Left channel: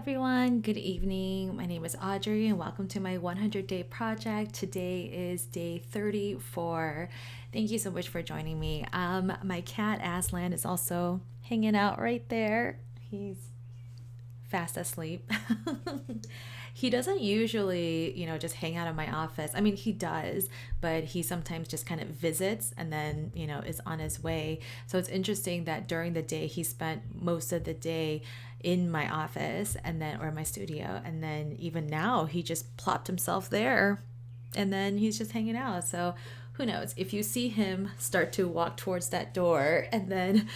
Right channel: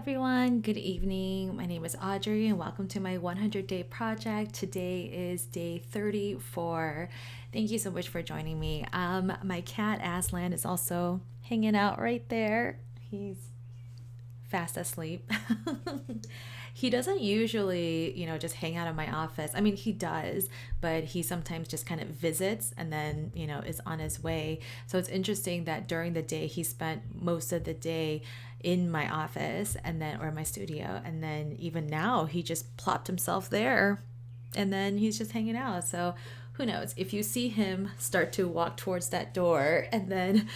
everyone. Good evening. My name is Audrey and welcome to my 100-day project. Today is day 34. Thank you so much for joining me. My cat Aslan is also hanging out right there. He's fast asleep. He doesn't usually, just hang out in my office. I mean, he does, but he sometimes just kind of visits and then, is on his way. So it's interesting that during the day, he spent most of the day in my office or my studio. And then even now, he just plopped himself there and then he's just hanging out. So who knows? If you see him start to walk towards that door and then,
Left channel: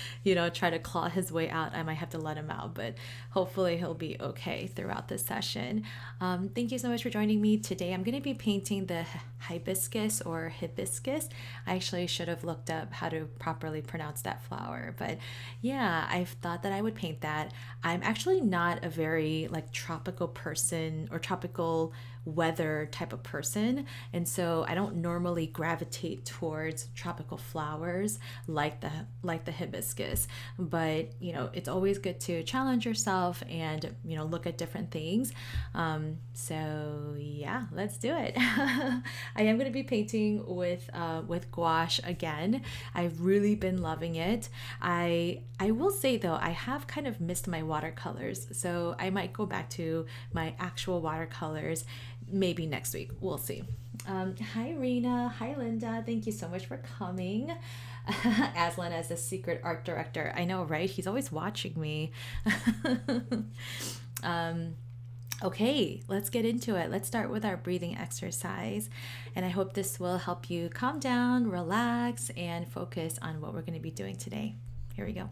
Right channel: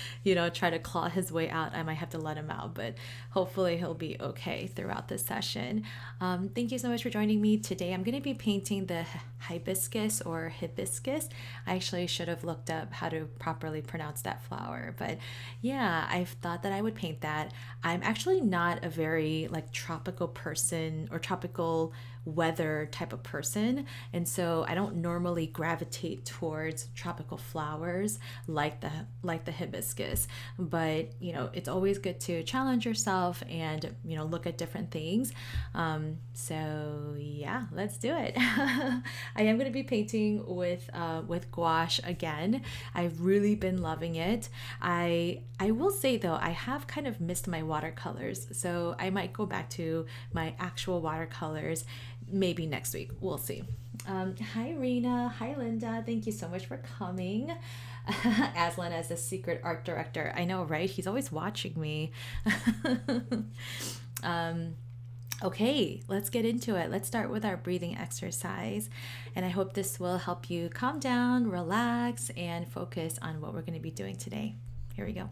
try to claw his way out, I might have to let him out, but hopefully he'll be okay throughout this session. Thank you so much for joining me today. I'm going to be painting the hibiscus or hibiscus. I actually should have looked up how to properly pronounce that flower, but yeah, I've thought that I would paint that. I'm actually not a very tropical person or tropical weather type of person, and so I don't normally gravitate towards tropical flowers like the hibiscus, but it's always good to challenge yourself and look at different things. So yeah, let's do it. I am going to be painting with gouache again. I've really been loving it. I will say though, I have kind of missed my watercolors, so I might go back to my actual watercolors maybe next week. We'll see. Hi Rena, hi Linda, thank you so much for coming. Aslan as the secret art director. I know, right? He's always watching me. Okay, let's get into it. Let's start with our breathing exercise. And I hope this will help you calm down, relax, and focus on what we're going to be doing today. Here we go.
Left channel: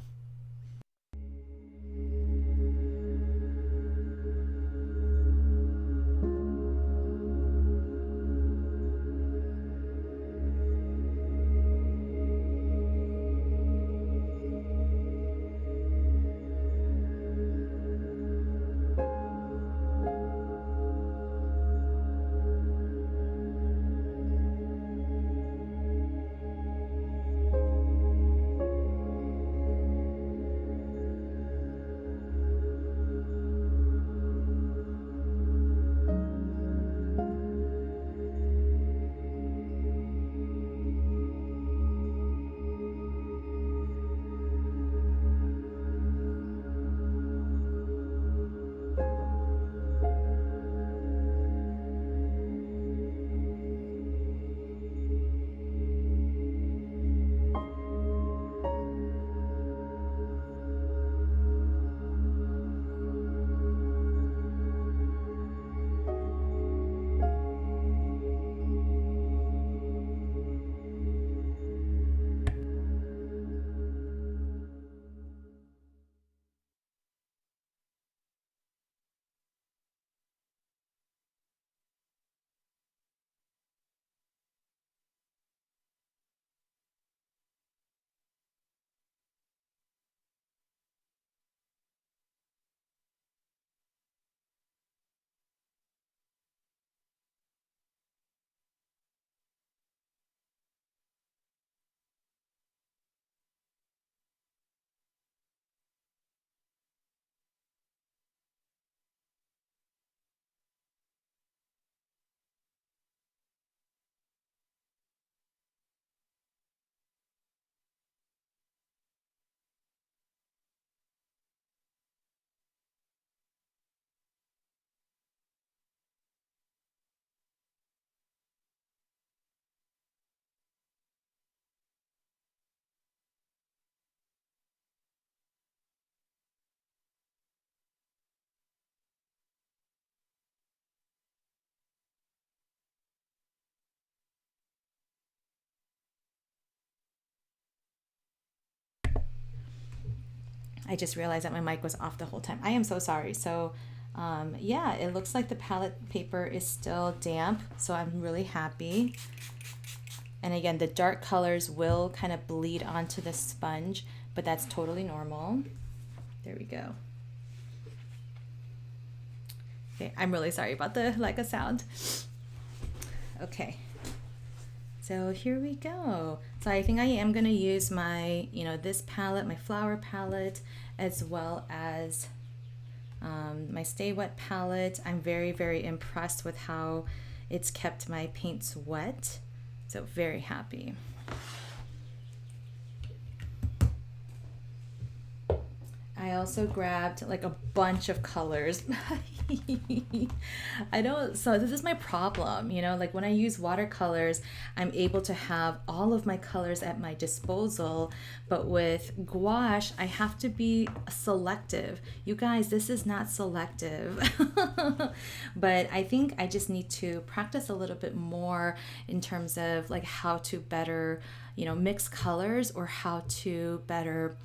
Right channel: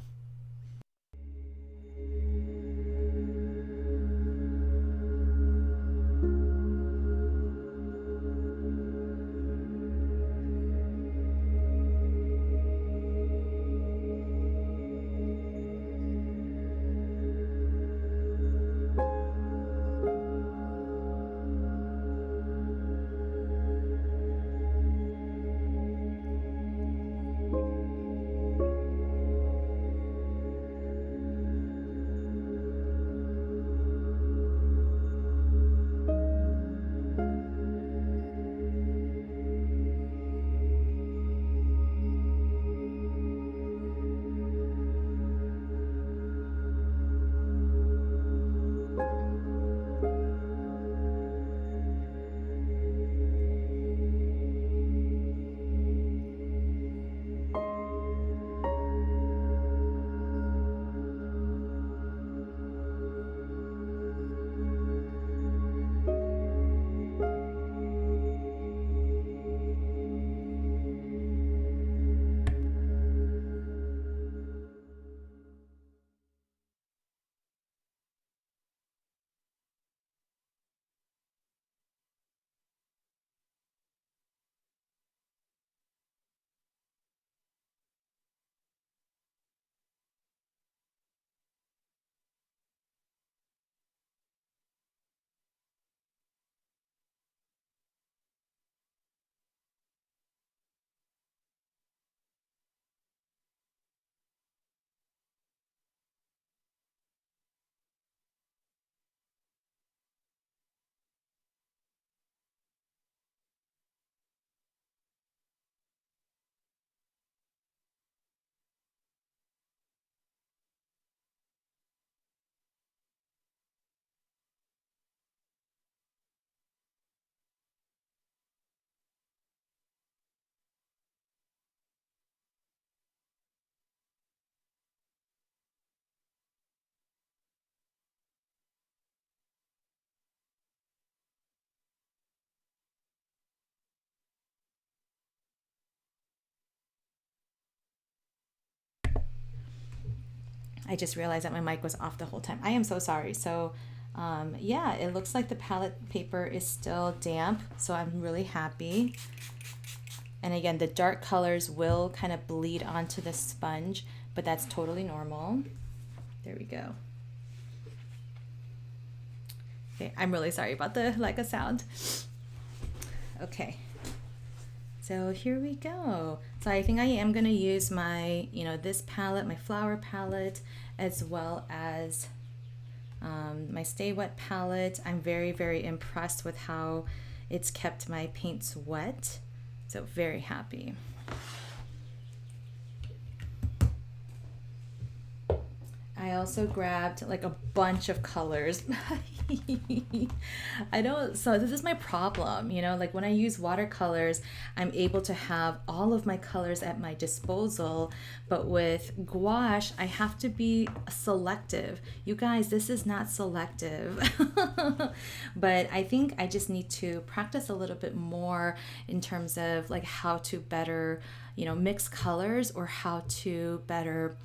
I just realized that my mic was off the whole time. I am so sorry. So yeah, it looks like the palette paper is still damp, so I'm really happy. And again, the dark colors will kind of bleed onto the sponge, but that's totally normal. There we go. Okay, I'm really sorry about the lack of sound. Okay, so here we go. So I think I am going to use my, this palette, my flower palette, as well as My Stay Wet palette, I'm very, very impressed with how it's kept my paints wet. So very happy. I also grabbed like a bunch of colors. I don't, so this is my problem, you know, like when I use watercolors, I'm able to have all of my colors at my disposal, but with gouache, I have to be selective. You guys, this is not selective. But I think I just need to practice a little bit more in terms of like how to better, you know, mix colors, or how to better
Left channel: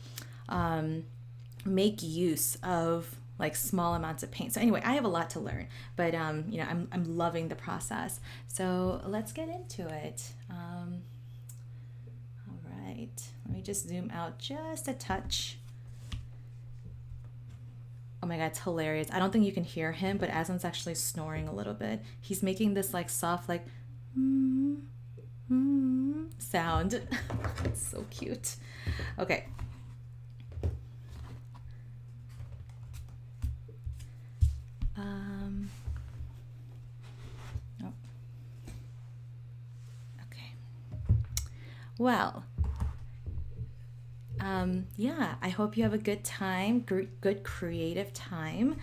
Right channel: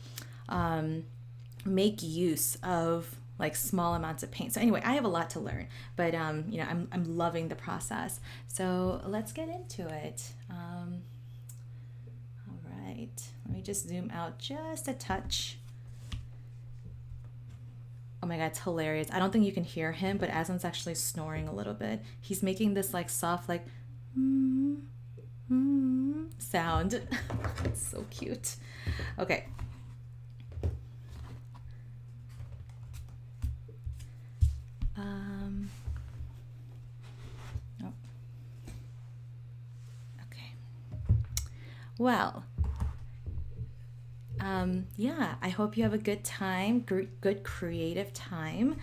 make use of like small amounts of paint. So anyway, I have a lot to learn, but you know, I'm loving the process. So let's get into it. All right, let me just zoom out just a touch. Oh my God, it's hilarious. I don't think you can hear him, but Aslan's actually snoring a little bit. He's making this like soft, like sound. It's so cute. Okay. Oh. Okay. Well, yeah, I hope you have a good time, good creative time.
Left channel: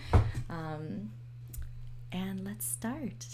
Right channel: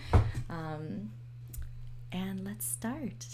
And let's start.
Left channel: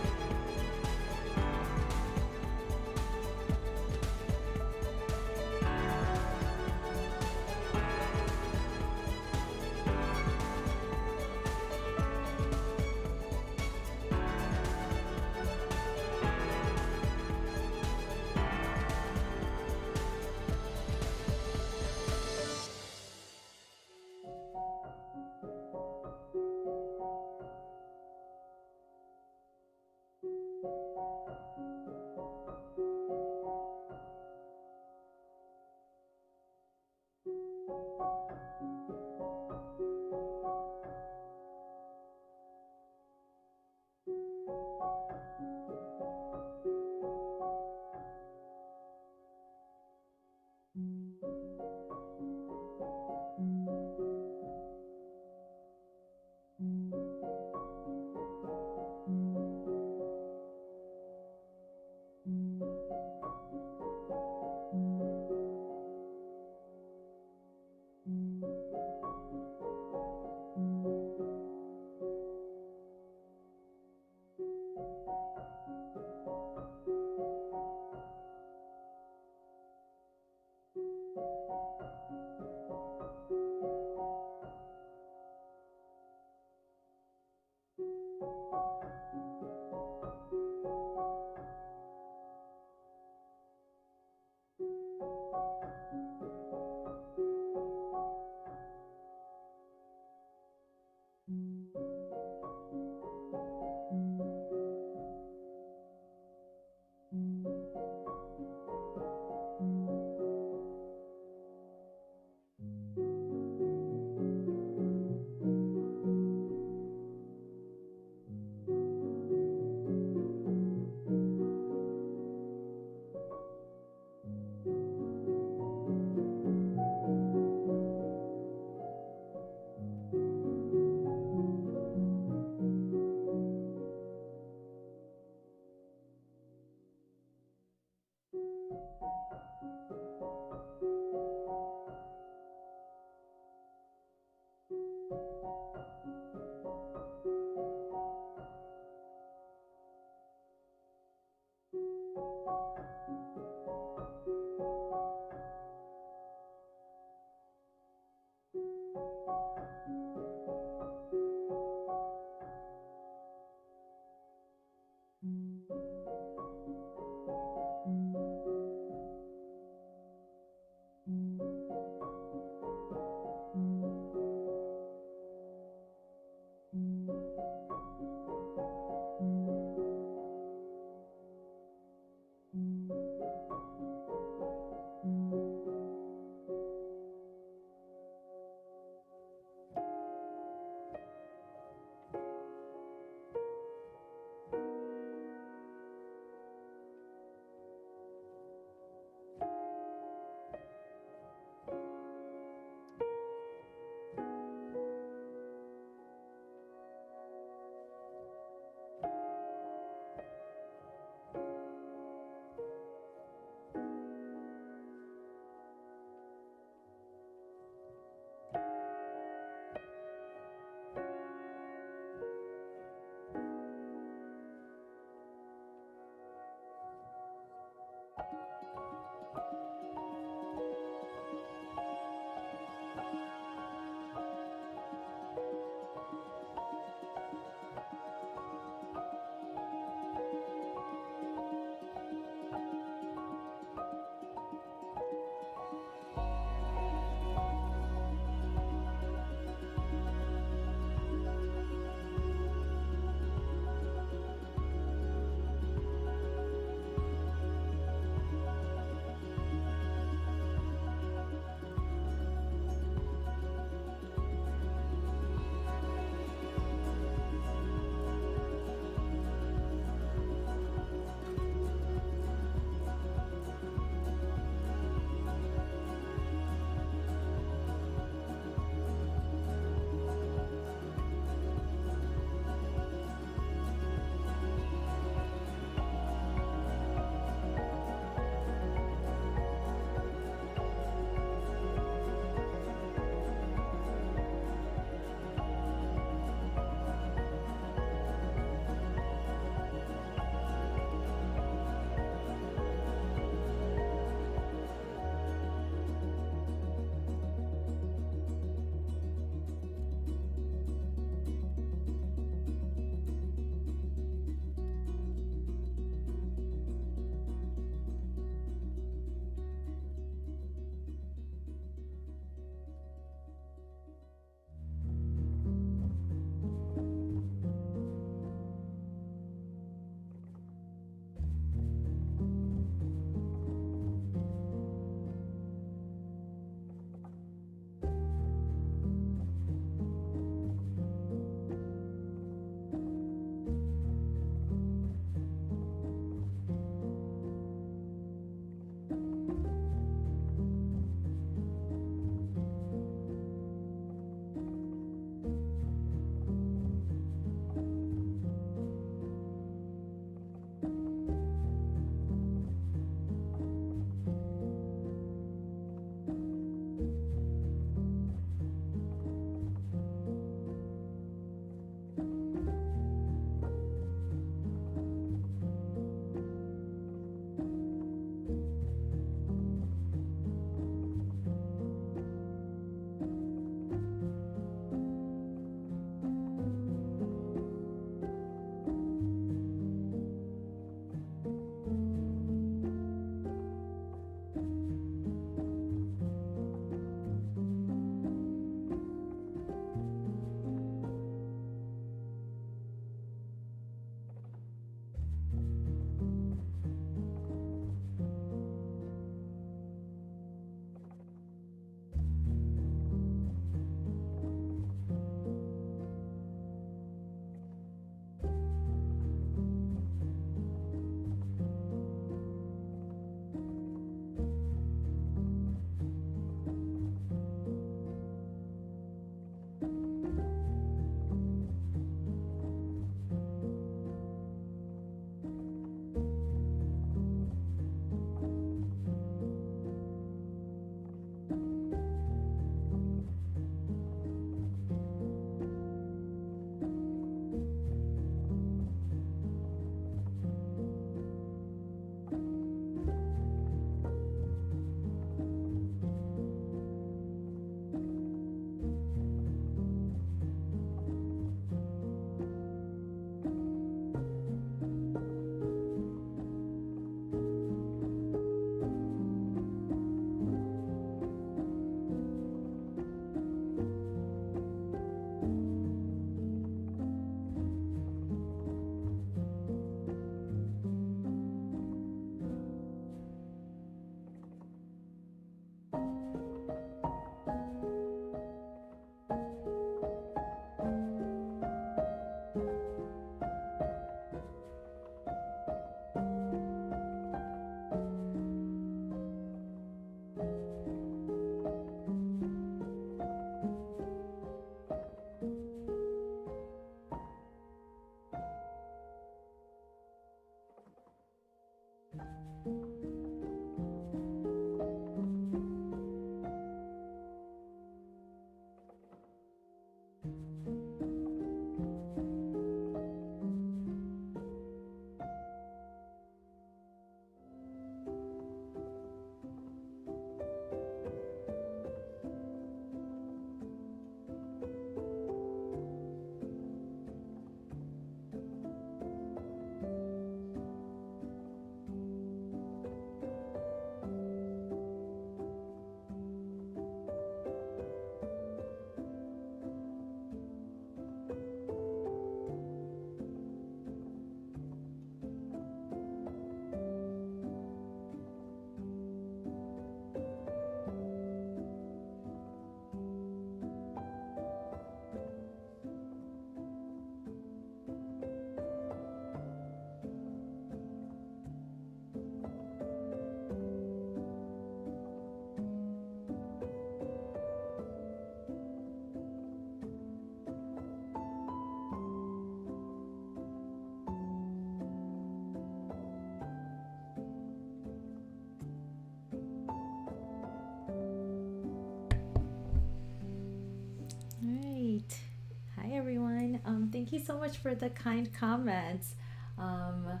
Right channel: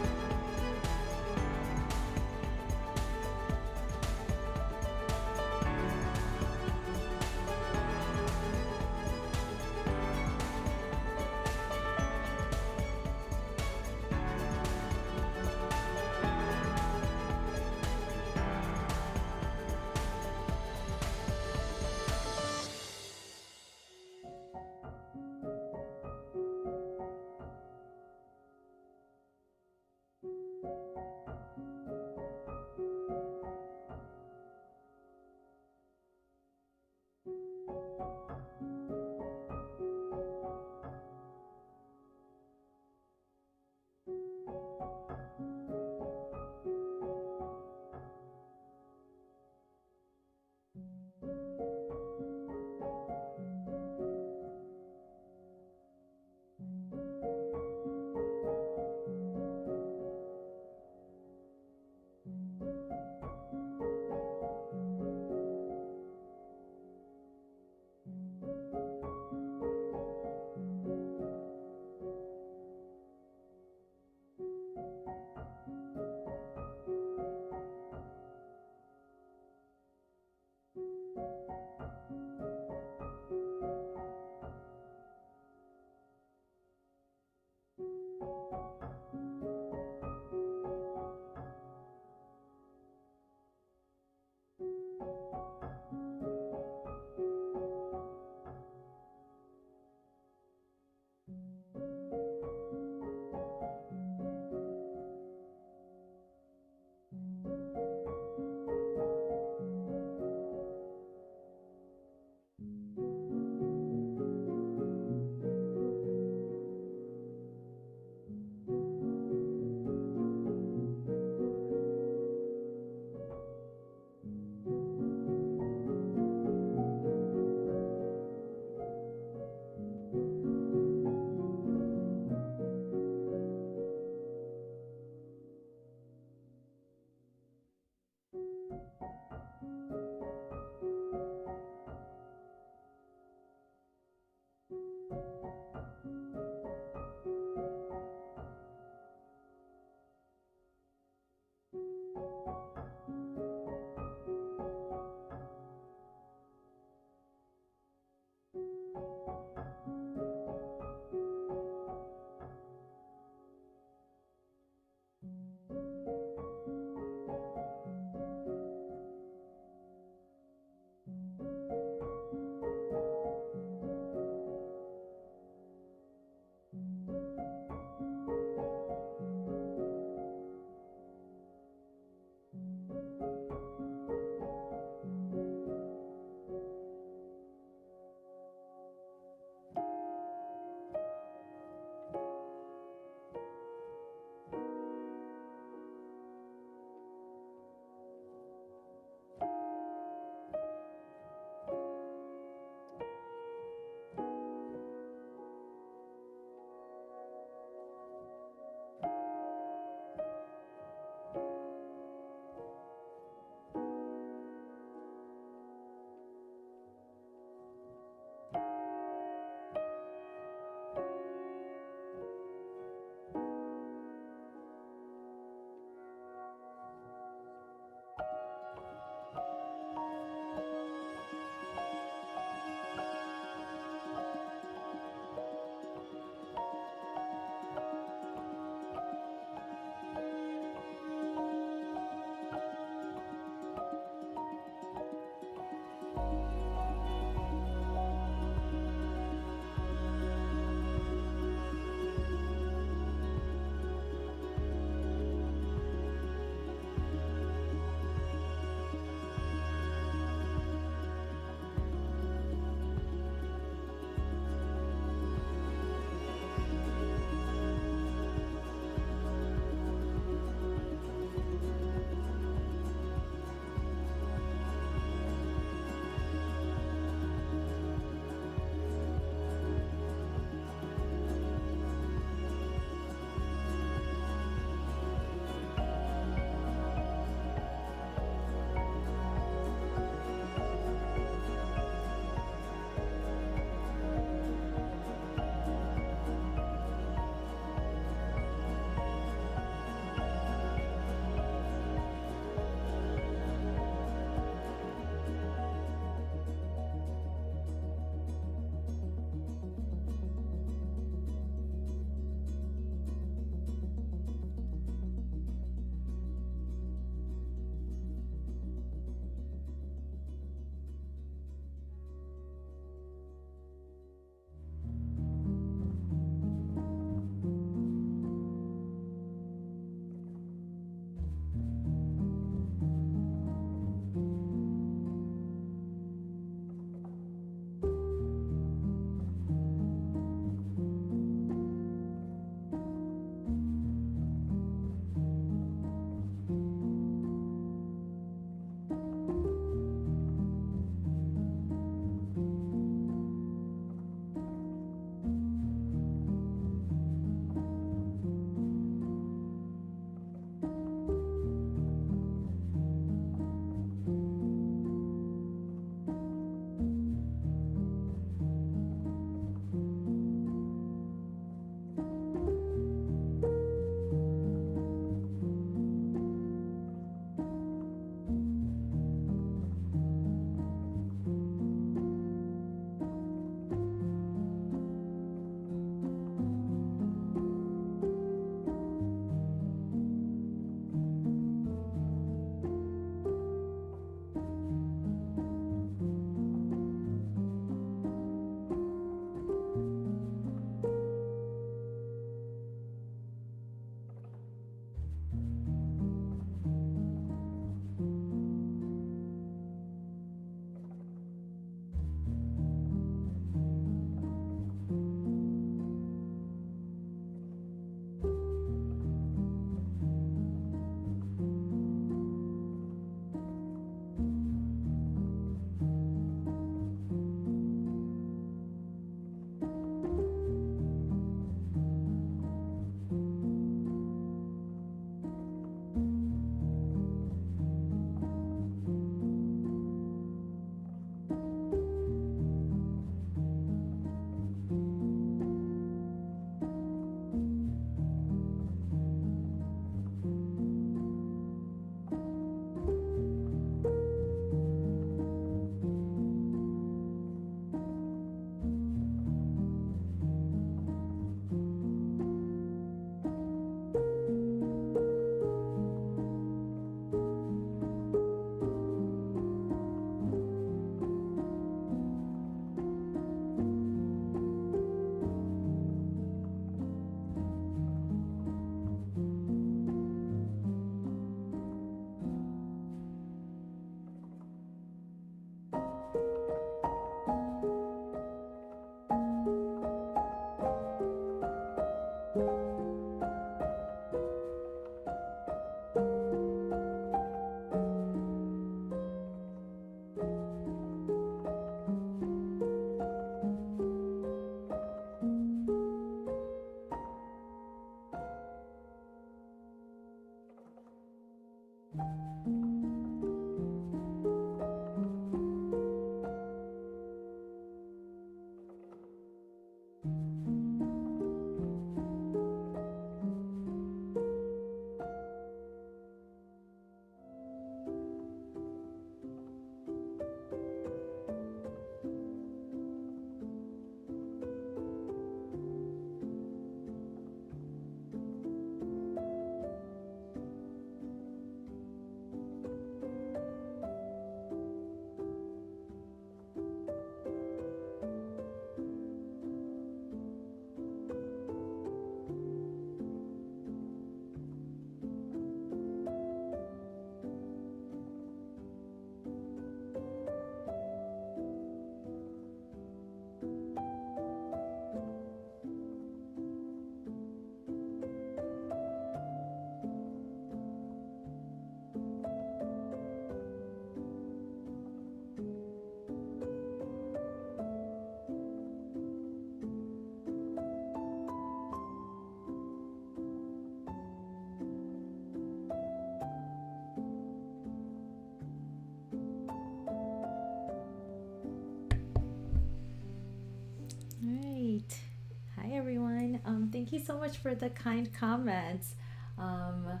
you so much for the kind comments. Um,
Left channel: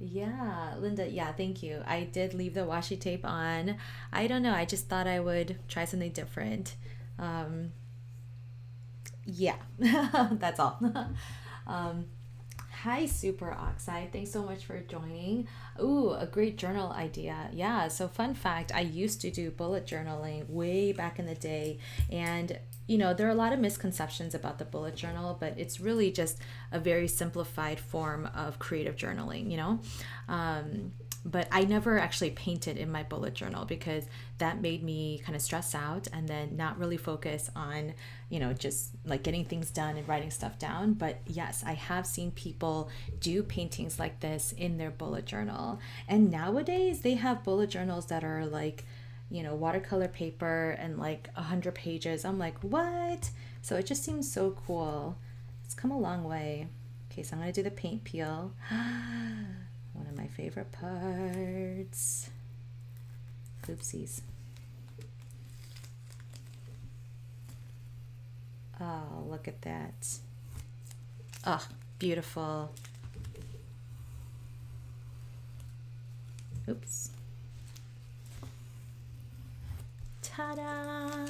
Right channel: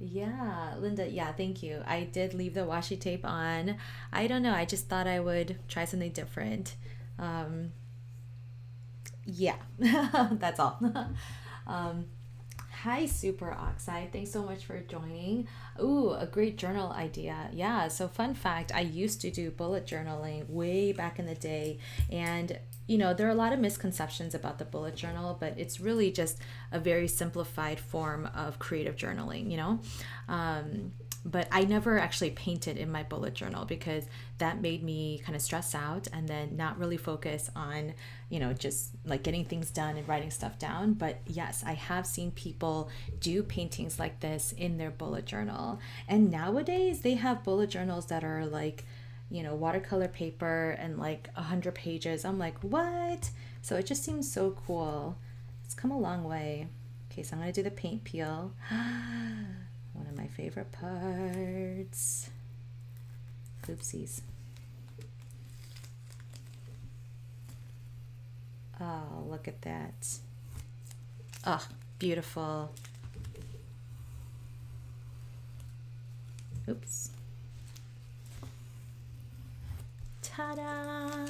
yeah, Linda, yeah, thank you. I did leave the washi tape on. I don't know, I just thought I would try something different. Um, yeah, that's all. um, Hi, Super Oxide. Thanks so much for joining. Ooh, a great journal idea. Yeah, so fun fact, I used to do bullet journaling way back in the day. And, there are a lot of misconceptions about the bullet journal, but it's really just a very simplified form of creative journaling. Um, but I never actually painted in my bullet journal because that made me kind of stress out and then not really focus on, just like getting things done and writing stuff down. But yes, I have seen people do paintings like this in their bullet journal. And nowadays they have bullet journals that are like, watercolor paper and like 100 pages. I'm like, what? So it just seems so cool. It's come a long way. Okay, so I'm going to do the paint peel. One of my favorite parts. Oopsies. Oh, look at that. Oh, beautiful. Oops. Ta-da!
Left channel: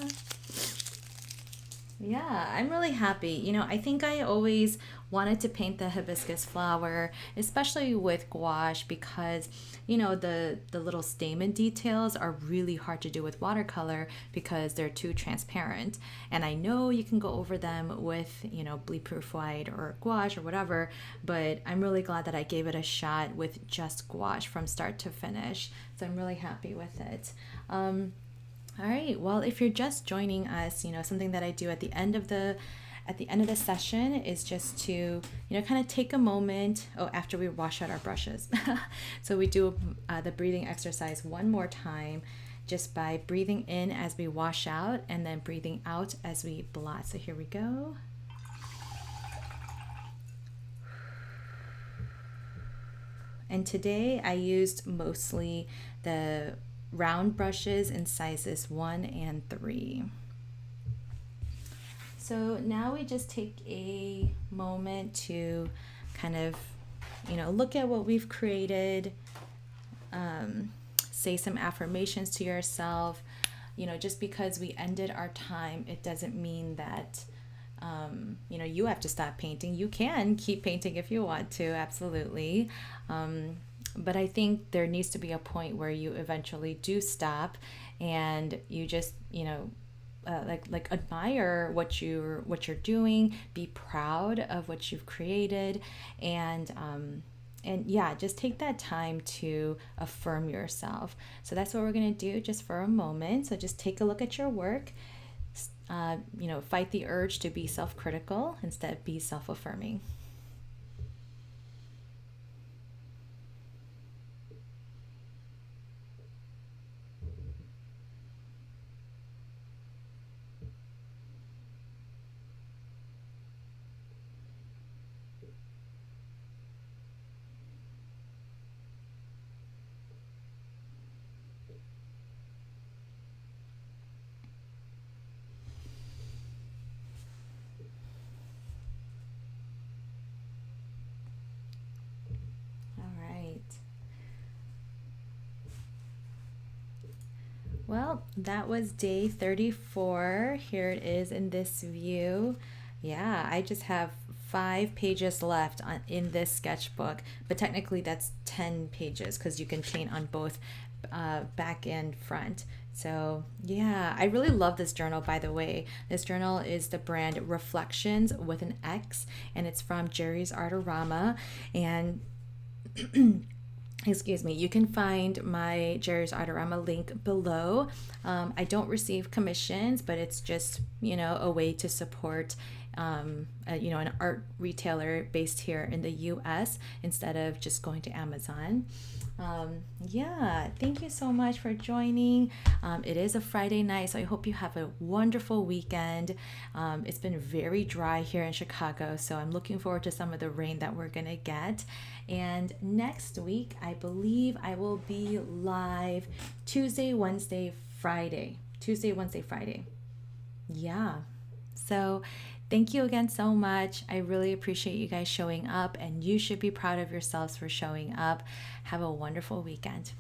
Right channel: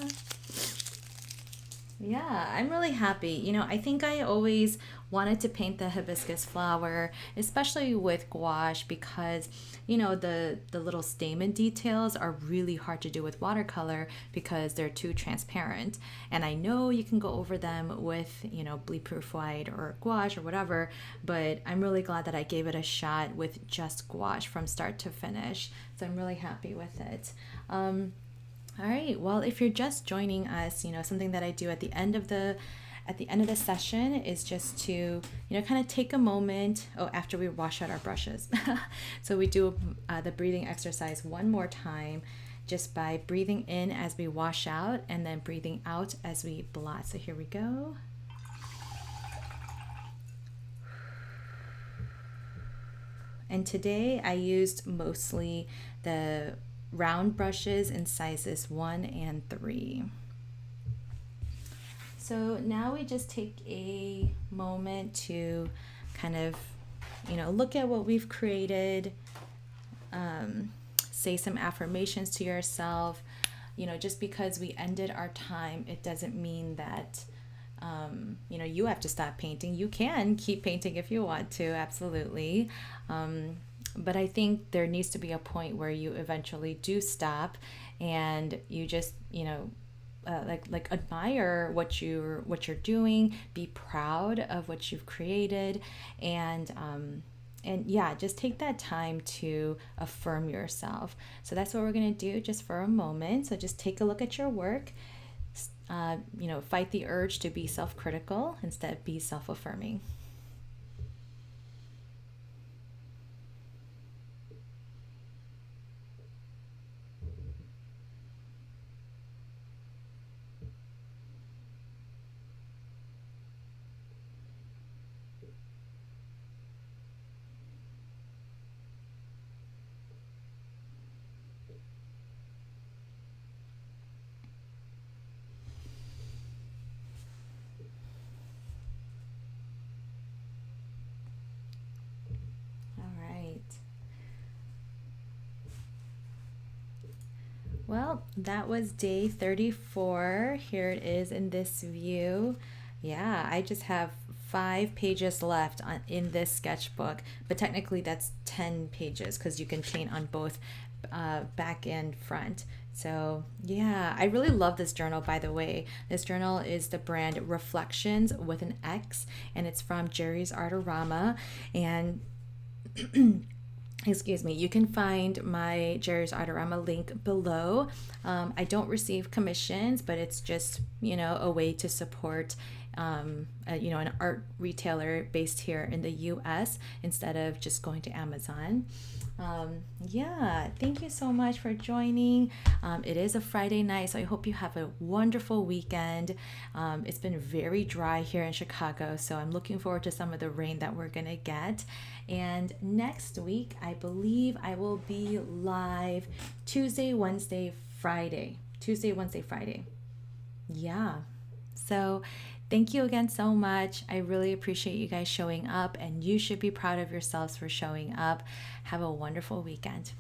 Yeah, I'm really happy. I think I always wanted to paint the hibiscus flower, especially with gouache, because the little stamen details are really hard to do with watercolor because they're too transparent. And I know you can go over them with, bleed proof white or gouache or whatever, but I'm really glad that I gave it a shot with just gouache from start to finish. So I'm really happy with it. All right. Well, if you're just joining us, something that I do at the end of the session is just to, kind of take a moment. Oh, after we wash out our brushes. So we do the breathing exercise one more time, just by breathing in as we wash out and then breathing out as we blot. So here we go. And today I used mostly the round brushes in sizes 1 and 3. So now we just take a moment to kind of, look at what we've created, say some affirmations to yourself. Just because we ended our time, it doesn't mean that, you have to stop painting. You can keep painting if you want to, absolutely. But I think there needs to be a point where you eventually do stop and you just, like admire what you're doing, be proud of what you've created, and yeah, just take that time to affirm yourself. So that's what we're going to do just for a moment. So just take a look at your work. Fight the urge to be self-critical, instead be self-affirming. Well, that was day 34. Here it is in this view. Yeah, I just have 5 pages left in this sketchbook, but technically that's 10 pages because you can paint on both back and front. So yeah, I really love this journal, by the way. This journal is the brand Reflections with an X, and it's from Jerry's Artorama. And excuse me, you can find my Jerry's Artorama link below. I don't receive commissions, but it's just, a way to support, an art retailer based here in the US instead of just going to Amazon. Yeah, thank you so much for joining. It is a Friday night, so I hope you have a wonderful weekend. It's been very dry here in Chicago, so I'm looking forward to some of the rain that we're gonna get. And next week, I believe I will be live Tuesday, Wednesday, Friday. Yeah. So Thank you again so much. I really appreciate you guys showing up, and you should be proud of yourselves for showing up. Have a wonderful weekend.